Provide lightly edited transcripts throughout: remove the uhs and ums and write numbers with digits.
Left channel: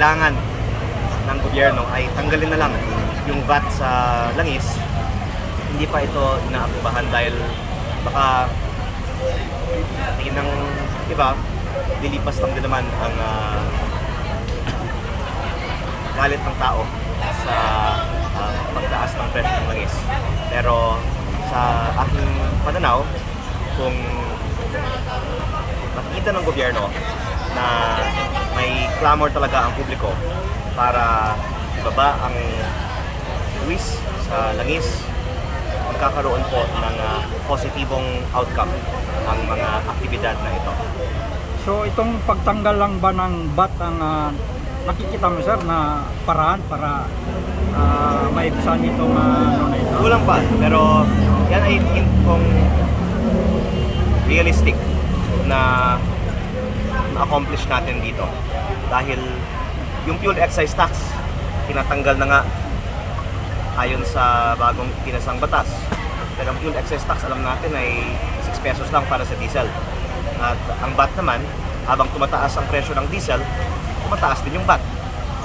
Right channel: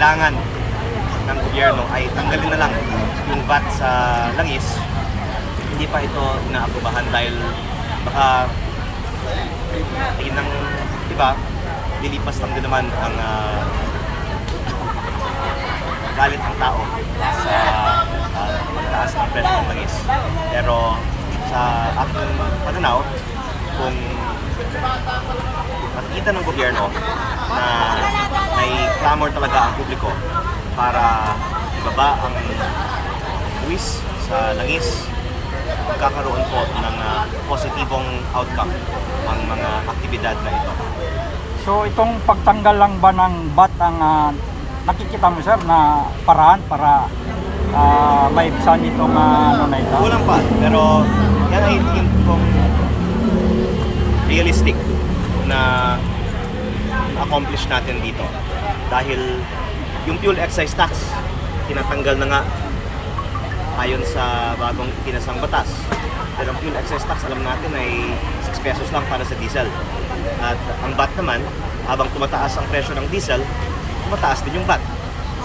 kailangan ng gobyerno ay tanggalin na lang yung VAT sa langis, hindi pa ito inaaprobahan dahil baka ng, di ba, lilipas lang din naman ang galit ng tao sa pagtaas ng presyo ng langis. Pero sa aking pananaw, kung makikita ng gobyerno na may clamor talaga ang publiko para ibaba ang buwis sa langis, magkakaroon po ng positibong outcome ang mga aktibidad na ito. So itong pagtanggal lang ba ng VAT ang nakikita mo sir na paraan para maibsan itong ano na ito? Kulang pa, pero yan ay tingin kong realistic na accomplish natin dito. Dahil yung fuel excise tax, tinatanggal na nga ayon sa bagong pinasang batas. Pero ang fuel excise tax, alam natin ay 6 pesos lang para sa diesel. At ang VAT naman, habang tumataas ang presyo ng diesel, tumataas din yung VAT.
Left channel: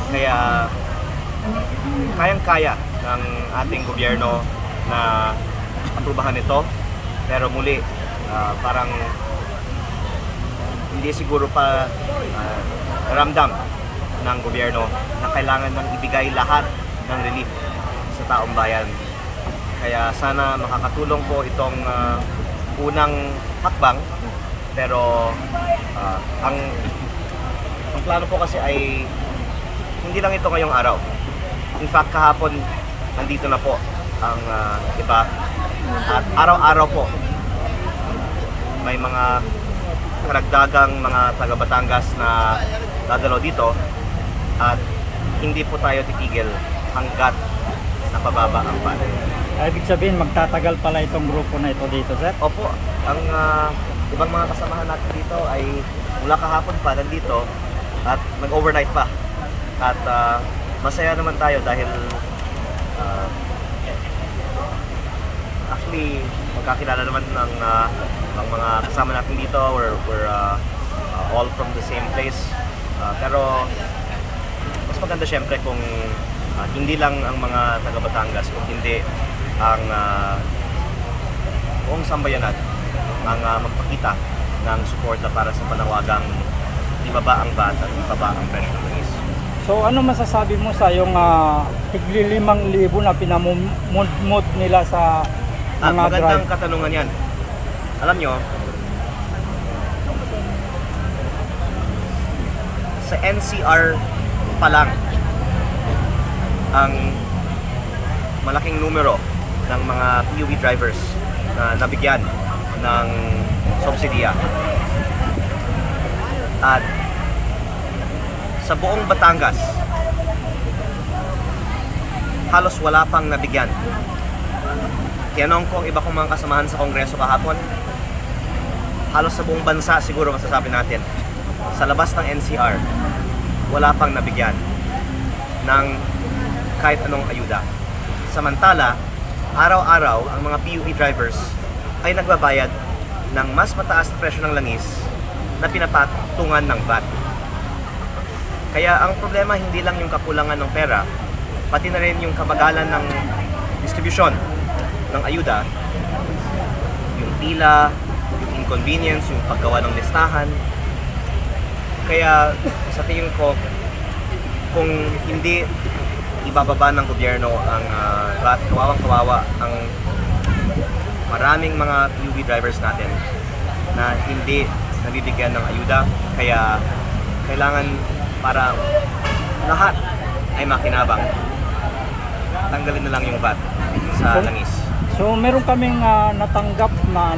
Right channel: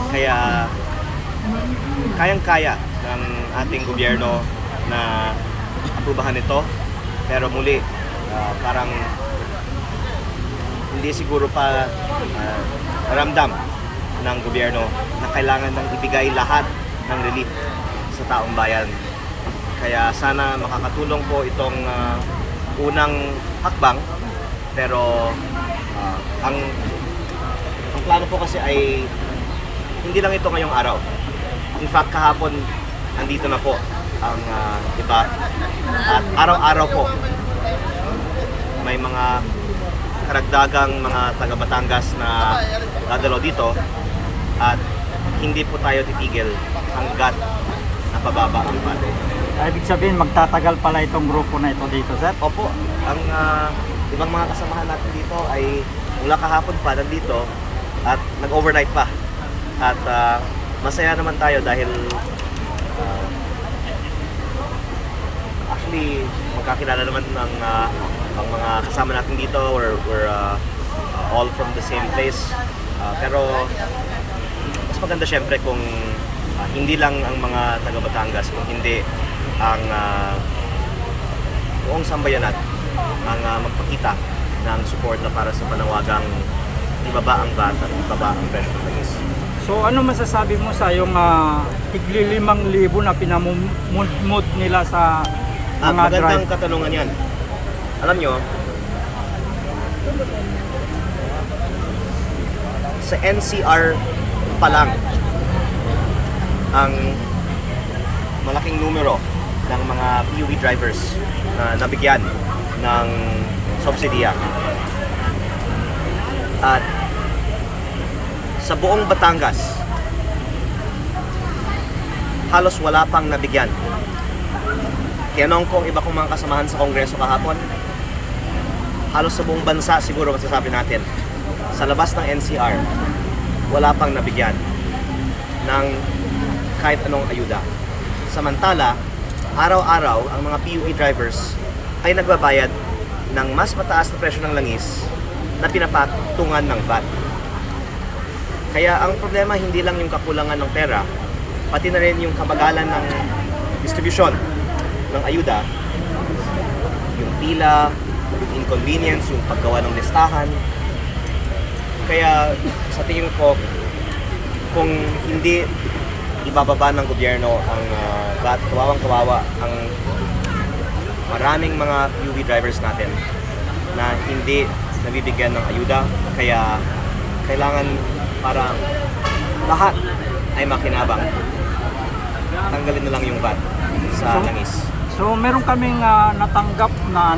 Kaya kayang-kaya ng ating gobyerno na aprubahan ito. Pero muli, parang hindi siguro pa ramdam ng gobyerno na kailangan nang ibigay lahat ng relief sa taong bayan. Kaya sana makakatulong po itong unang hakbang, pero ang plano po kasi ay hindi lang ito ngayong araw. In fact, kahapon nandito na po ang iba at araw-araw po may mga karagdagang mga taga Batangas na dadalo dito at hindi po tayo titigil hanggat napababa ang VAT. Ibig sabihin magtatagal pala itong grupo na ito dito sir? Opo, ang ibang mga kasamahan natin dito ay mula kahapon pa nandito at nag-overnight pa. At masaya naman tayo dahil actually magkakilala naman ng ang mga kasama natin dito. We're all from the same place. Pero mas maganda syempre kung hindi lang ang mga taga Batangas, kung hindi ang buong sambayanan ang magpakita ng suporta para sa panawagang ibaba ang VAT at ibaba ang presyo ng langis. So ano masasabi mo sa yung tigli 5,000 na pinamumut nila sa mga drive? Magandang katanungan yan. Alam nyo, sa NCR pa lang ang malaking numero ng mga PUV drivers na nabigyan ng subsidiya. At sa buong Batangas, halos wala pang nabigyan. Tinanong ko iba kong mga kasamahan sa Kongreso kahapon, halos sa buong bansa siguro masasabi natin, sa labas ng NCR, wala pang nabigyan ng kahit anong ayuda. Samantala, araw-araw ang mga PUV drivers ay nagbabayad ng mas mataas na presyo ng langis na pinapatungan ng VAT. Kaya ang problema hindi lang yung kakulangan ng pera, pati na rin yung kabagalan ng distribusyon ng ayuda, yung pila, yung inconvenience, yung paggawa ng listahan. Kaya sa tingin ko, kung hindi ibababa ng gobyerno ang VAT, kawawa ang maraming mga PUV drivers natin na hindi nabibigyan ng ayuda. Kaya kailangan para lahat ay makinabang, tanggalin na lang yung VAT sa langis. So meron kaming natanggap na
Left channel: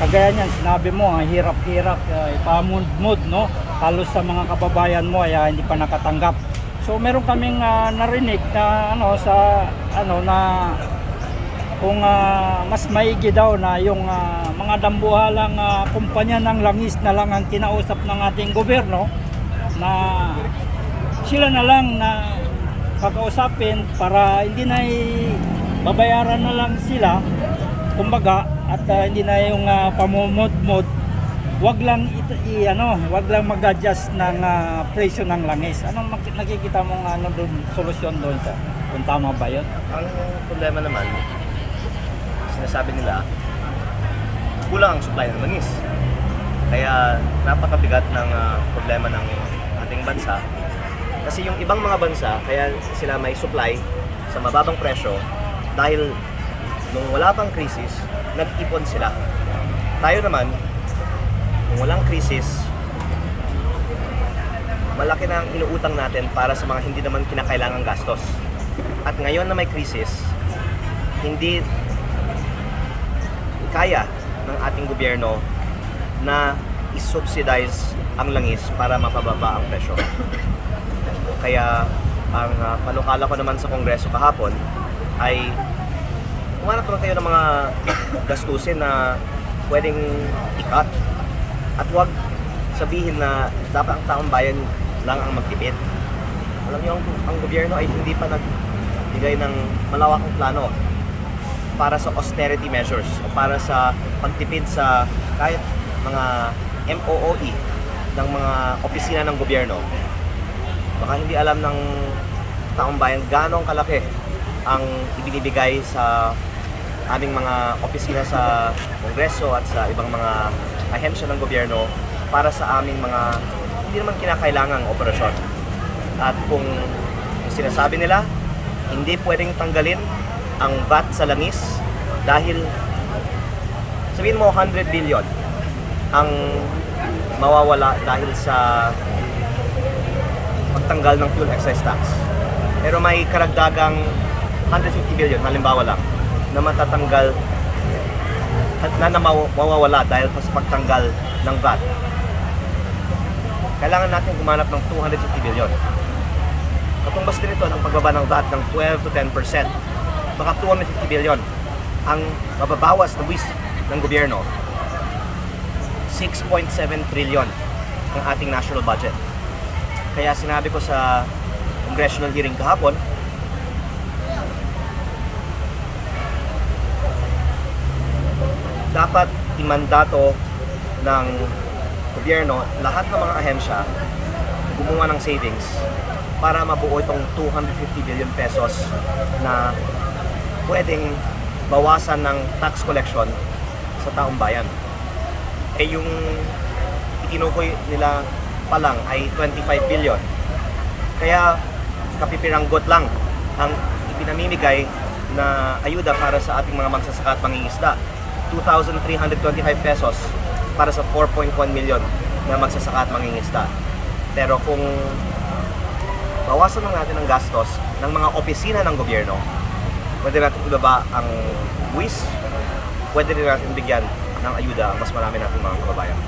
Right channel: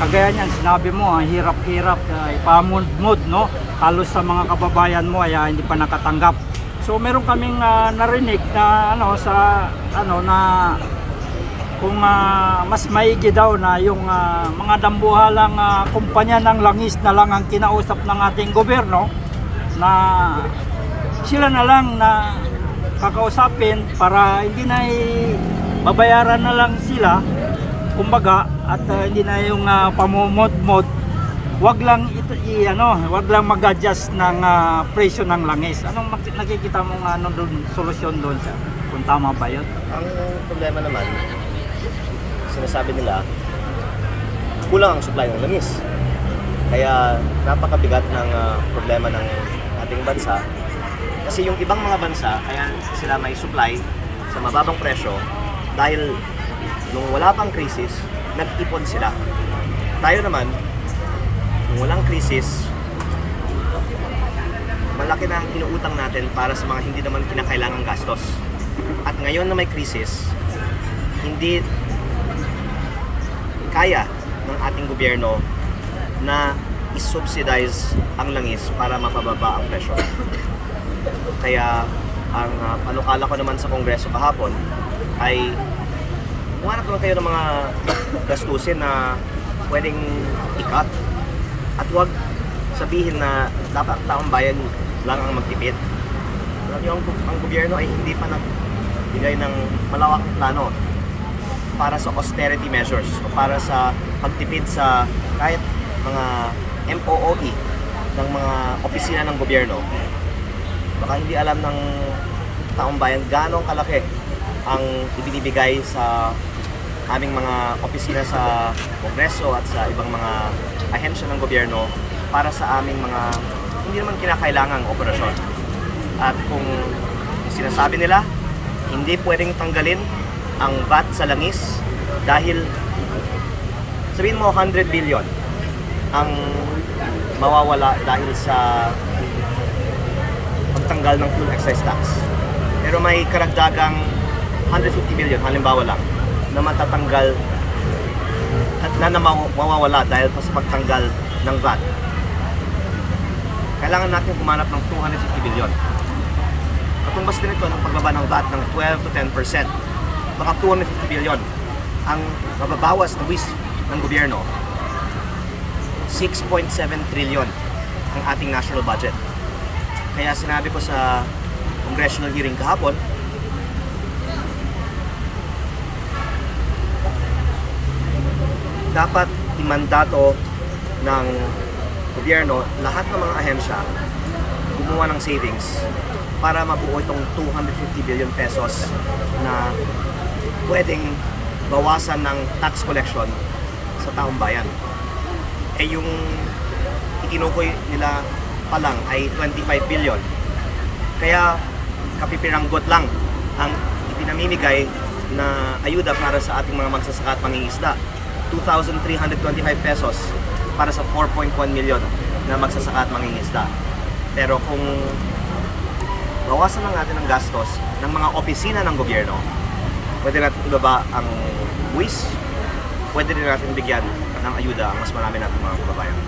kagaya niyan, sinabi mo ang hirap-hirap ipamud-mud no, halos sa mga kababayan mo ay hindi pa nakatanggap. So meron kaming narinig na na kung mas maigi daw na yung mga dambuhalang kumpanya ng langis na lang ang kinausap ng ating gobyerno, na sila na lang na kakausapin para hindi na babayaran na lang sila kumbaga, at hindi na yung pamumod-mod wag lang wag lang mag-adjust ng presyo ng langis. Anong nakikita mong solusyon doon, sir? Kung tama ba 'yon? Ang problema naman, sinasabi nila, kulang ang supply ng langis. Kaya napakabigat ng problema ng ating bansa. Kasi yung ibang mga bansa, kaya sila may supply sa mababang presyo dahil nung wala pang krisis, nag-ipon sila. Tayo naman, nung walang krisis, malaki na ang inuutang natin para sa mga hindi naman kinakailangang gastos. At ngayon na may krisis, hindi kaya ng ating gobyerno na i-subsidize ang langis para mapababa ang presyo. Kaya ang panukala ko naman sa Kongreso kahapon ay kumanap naman kayo ng mga gastusin na pwedeng i-cut at huwag sabihin na dapat ang taong bayan lang ang magtipid. Alam niyo, ang gobyerno ay hindi pa nagbigay ng malawakang plano para sa austerity measures o para sa pagtipid sa kahit mga MOOE ng mga opisina ng gobyerno. Baka hindi alam ng taong bayan ganong kalaki ang ibinibigay sa aming mga opisina sa Kongreso at sa ibang mga ahensya ng gobyerno para sa aming mga hindi naman kinakailangang operasyon. At kung sinasabi nila, hindi pwedeng tanggalin ang VAT sa langis dahil sabihin mo 100 billion ang mawawala dahil sa pagtanggal ng fuel excise tax. Pero may karagdagang 150 billion halimbawa lang na matatanggal at mawawala dahil sa pagtanggal ng VAT. Kailangan natin gumanap ng 250 billion. Katumbas din ito ng pagbaba ng VAT ng 12 to 10%. Baka 250 billion ang mababawas na buwis ng gobyerno. 6.7 trillion ang ating national budget. Kaya sinabi ko sa congressional hearing kahapon, dapat imandato ng gobyerno lahat ng mga ahensya gumawa ng savings para mabuo itong 250 billion pesos na pwedeng bawasan ng tax collection sa taong bayan. Eh yung itinukoy nila pa lang ay 25 billion. Kaya kapipiranggot lang ang ipinamimigay na ayuda para sa ating mga magsasaka at mangingisda. 2,325 pesos para sa 4.1 million na magsasaka at mangingisda. Pero kung bawasan lang natin ang gastos ng mga opisina ng gobyerno, pwede natin ibaba ang buwis, pwede rin natin bigyan ng ayuda ang mas marami natin mga kababayan.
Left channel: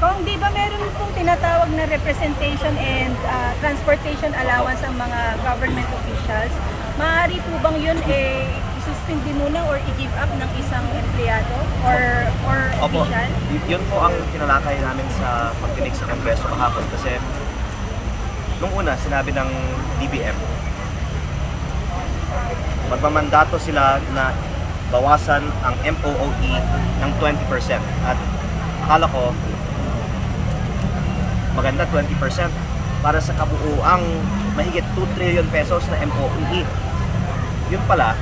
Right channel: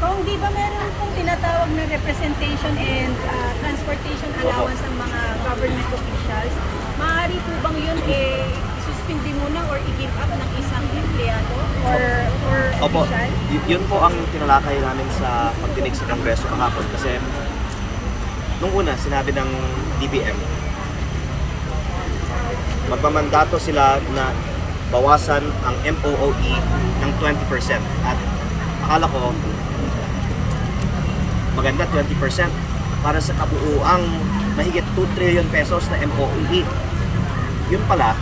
Kung di ba meron pong tinatawag na representation and transportation allowance ang mga government officials, maaari po bang yun isuspindi muna or i-give up ng isang empleyado or Opo, official? yun po ang tinalakay namin sa pagdinig sa Kongreso kahapon kasi nung una sinabi ng DBM magmamandato sila na bawasan ang MOOE ng 20% at akala ko maganda 20% para sa kabuuang mahigit 2 trillion pesos na MOOE. Yun pala,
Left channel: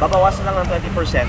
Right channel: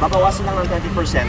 babawasan lang ng 20%